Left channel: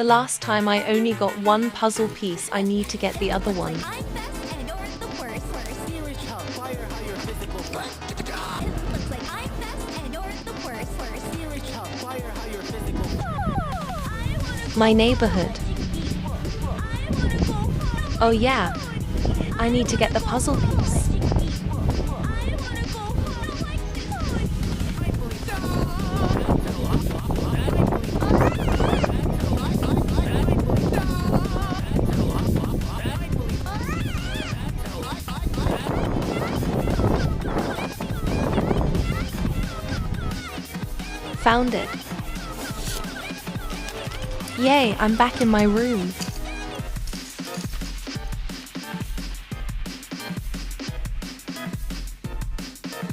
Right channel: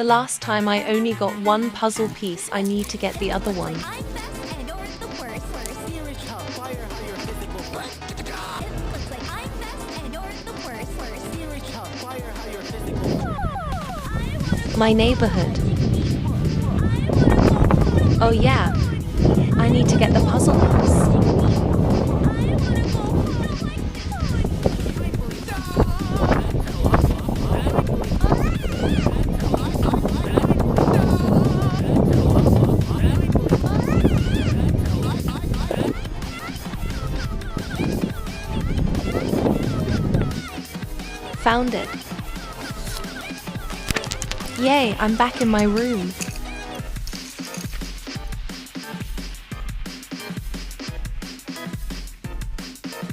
The last time I only got one puzzle piece. I need to get the other one. I'm best and or the worst. Here is how fire higher physical force. It looks like I'm best and or the worst. Here is how fire higher physical force. My neighborhood. Oh yeah, I need to get the puzzle piece. Found it. Yay, I'm back in my room.